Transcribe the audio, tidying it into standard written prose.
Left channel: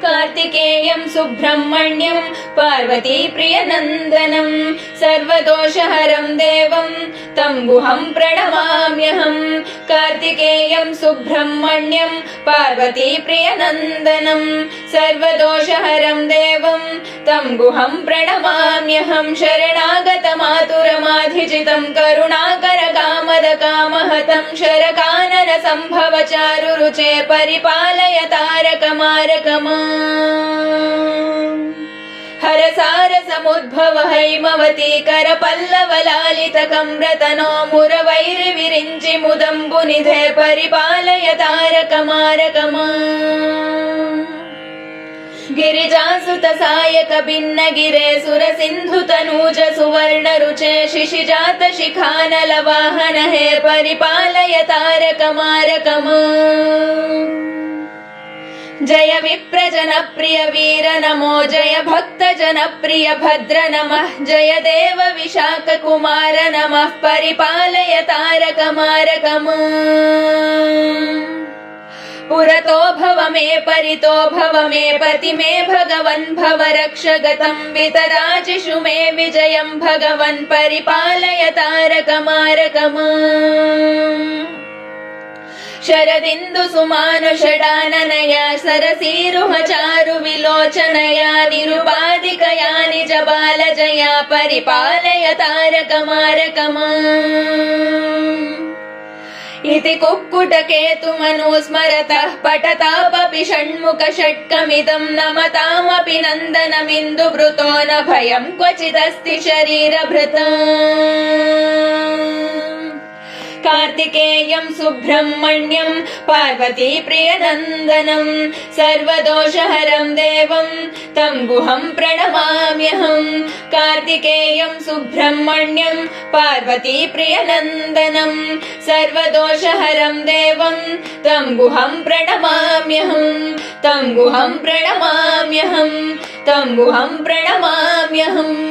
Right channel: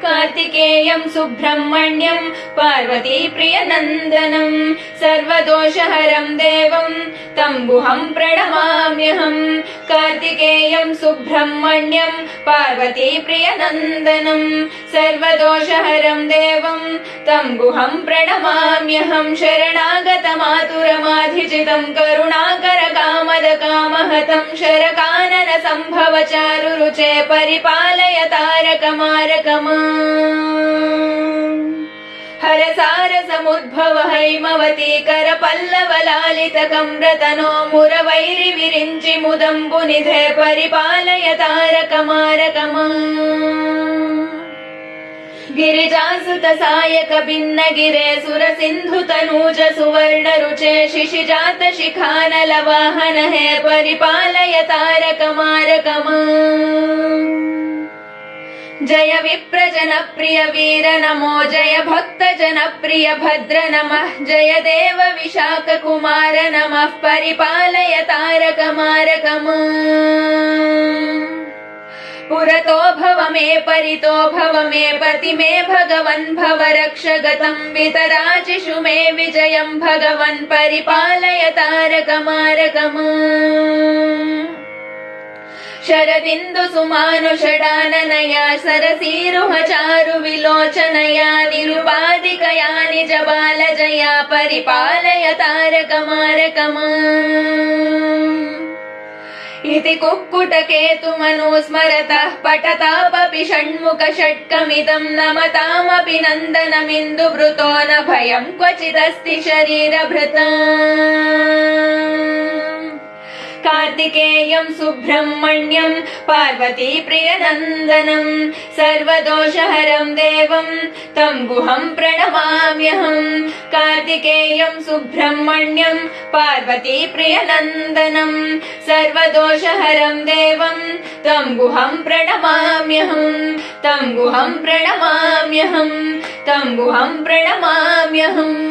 कार्तिकेयं सुब्रह्मण्यं पार्वती प्रियनन्दनं सर्वदोषहरं देवं तं गुहं प्रणमाम्यहं। कार्तिकेयं सुब्रह्मण्यं पार्वती प्रियनन्दनं सर्वदोषहरं देवं तं गुहं प्रणमाम्यहं। शरणागतमातुरमाधिजितं करुणाकरकामदकामहतं शरकानन संभव चारुरुचे परिपालय तारकमारकमा। हरसारसमुद्भव हैमवती करपल्लवलालितकम्रतनो मुरवैरिविरिञ्चि मुदम्बुनिधे परिपालय तारकमारकमा। गिरिजासुत सायक भिन्नगिरे सुरसिन्धुतनूज सुवर्णरुचे शिशिजात शिखानलवाहन हे परिपालय तारकमारकमा। जय विप्रजनप्रिय वीर नमो जय भक्तजनप्रिय भद्र नमः जय देव विशाखकुमार नमः परिपालय तारकमारकमा। पुरतो भव मे परितो भव मे पति मे भगवन् भव रक्ष गतं वितराजिषु मे विजयं भगवन् परिपालय तारकमारकमा। शरदिन्दु सुमानुषडाननया सरसीरुह चारु विलोचनया निरुपाधिकया निज बालजया परिपालय तारकमारकमा। इति कुक्कुटकेतुमनुस्मरतः पठतापपि षण्मुख षट्कमिदं नमतामपि नन्दनमिन्दुवृतो न भयं क्वचिदस्ति शरीरभृता। कार्तिकेयं सुब्रह्मण्यं पार्वती प्रियनन्दनं सर्वदोषहरं देवं तं गुहं प्रणमाम्यहं। कार्तिकेयं सुब्रह्मण्यं पार्वती प्रियनन्दनं सर्वदोषहरं देवं तं गुहं प्रणमाम्यहं। तं गुहं प्रणमाम्यहं तं गुहं प्रणमाम्यहम्।